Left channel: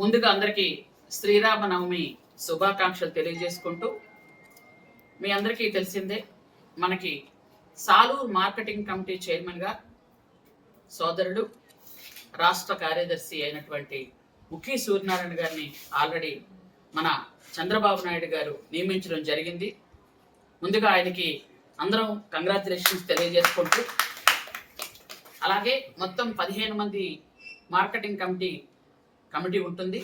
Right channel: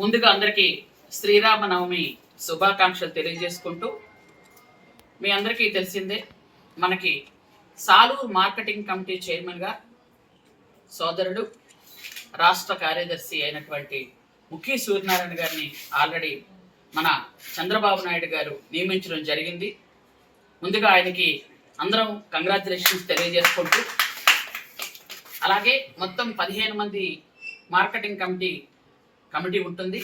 ముందుగా అందరికీ శ్రీరామనవమి శుభాకాంక్షలు తెలియజేసుకుంటూ, మీ అందరికీ తెలిసిందే మనకి సాలూరు మార్కెటింగ్ కమిటీ చైర్మన్గా సోదరుడు రాష్ట్ర కార్యదర్శి అయినటువంటి ముఖీ సూర్యనారాయణ గారిని ఆల్రెడీ మన చంద్రబాబు నాయుడు గారు నియమించడం జరిగింది. ముందుగా ఆయనకి అందరం కంగ్రాచులేషన్స్ తెలియజేసుకుంటూ, అలాగే మొత్తం 15 మంది మార్కెటింగ్ కమిటీ ఉంటుంది.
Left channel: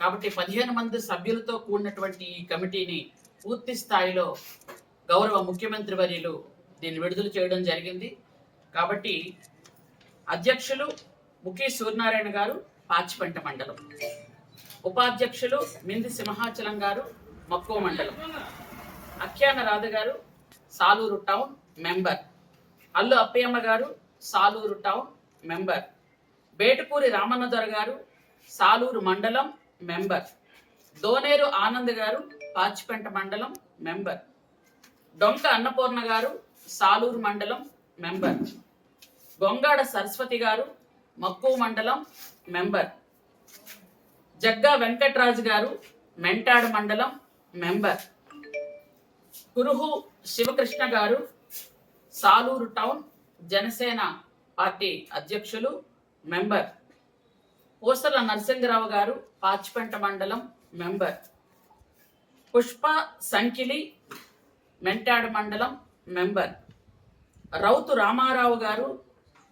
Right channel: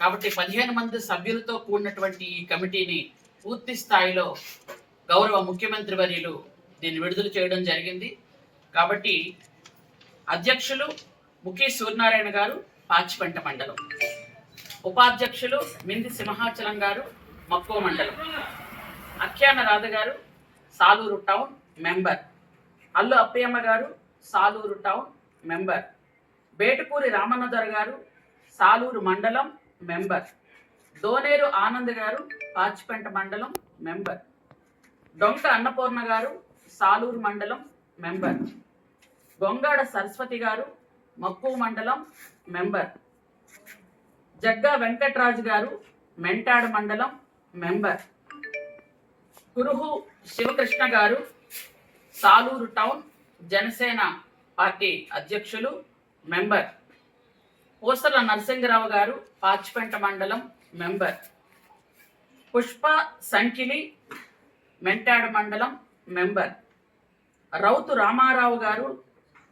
కాబట్టి 15 మంది సభ్యులతో కూడినటువంటి ఈ కమిటీని పూర్తి స్థాయిలో గౌరవ ముఖ్యమంత్రి వర్యులు దీన్ని విడుదల చేయడం జరిగింది. కాబట్టి అధ్యక్షులు ముఖీ సూర్యనారాయణ గారు పాచిపెంట మండలం, ఉపాధ్యక్షులు మింది సింహాచలం గారు మక్కువ మండలం, అఖ్యాన రాధ గారు సాలూరు టౌన్ మెంబర్, అల్లు అప్పయ్యమ్మ గారు సాలూరు టౌన్ మెంబర్, బేటుపూరి రామన్నదొర గారు సాలూరు మండలం మెంబర్, దోనేరు ఆనంద్ గారు పాచిపెంట మండలం మెంబర్, డొంక అన్నపూర్ణ గారు సాలూరు మండలం మెంబర్, గొంగాడ సరస్వతి గారు మక్కువ మండలం మెంబర్, జగ్గా వెంకట్రాజు గారు మెంటాడు మండలం మెంబర్, కురుహు శివకృష్ణ గారు సాలూరు టౌన్ జనసేన పార్టీ అధ్యక్షులు మెంబర్, పూసల నరసింగరావు గారు పాచిపెంట మండలం మెంబర్, పుష్ప సంకిలి మెంటాడు మండలం మెంబర్, రౌతు రామారావు గారు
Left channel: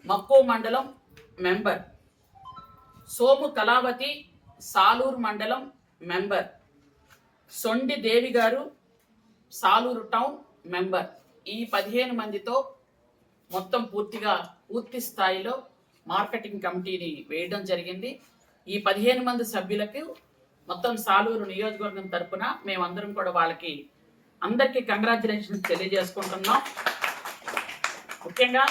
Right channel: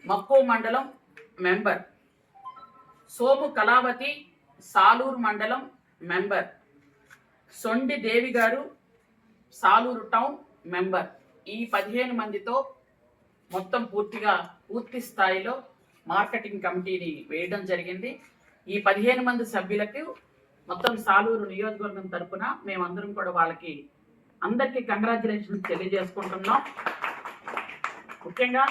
మక్కువ మండలం మెంబర్, సోము కళావతి సాలూరు మండలం మెంబర్, సొండి దేవి గారు సాలూరు టౌన్ మెంబర్. ఈ 15 మందితో మొత్తం పూర్తి స్థాయిలో మార్కెటింగ్ కమిటీని వేయడం జరిగింది. ఈ 15 మంది సభ్యులకు మొత్తం సాలూరు నియోజకవర్గం తరపున మేమందరం కూడా వాళ్ళకి అందరికీ కంగ్రాచులేషన్స్ తెలియజేసుకుంటున్నాం. ముఖ్యంగా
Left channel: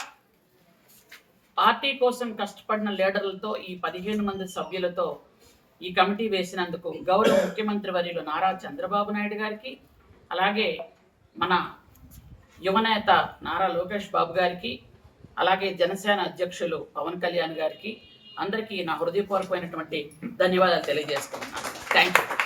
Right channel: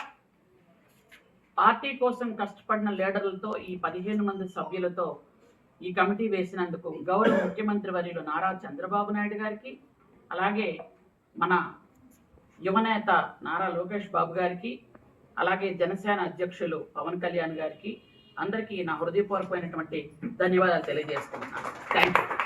పార్టీ కోసం కష్టపడిన లీడర్లతో ఈ 15 మంది సభ్యులతో ఈ కమిటీ వేసినందుకు గౌరవ ముఖ్యమంత్రి వర్యులు నారా చంద్రబాబు నాయుడు గారికి, అలాగే మన యువనేత నారా లోకేష్ బాబు గారికి, అలాగే జనసేన అధ్యక్షులు పవన్ కళ్యాణ్ గారికి అందరికీ నా హృదయపూర్వకమైనటువంటి ధన్యవాదాలు తెలియజేసుకుంటున్నాను. Thank you.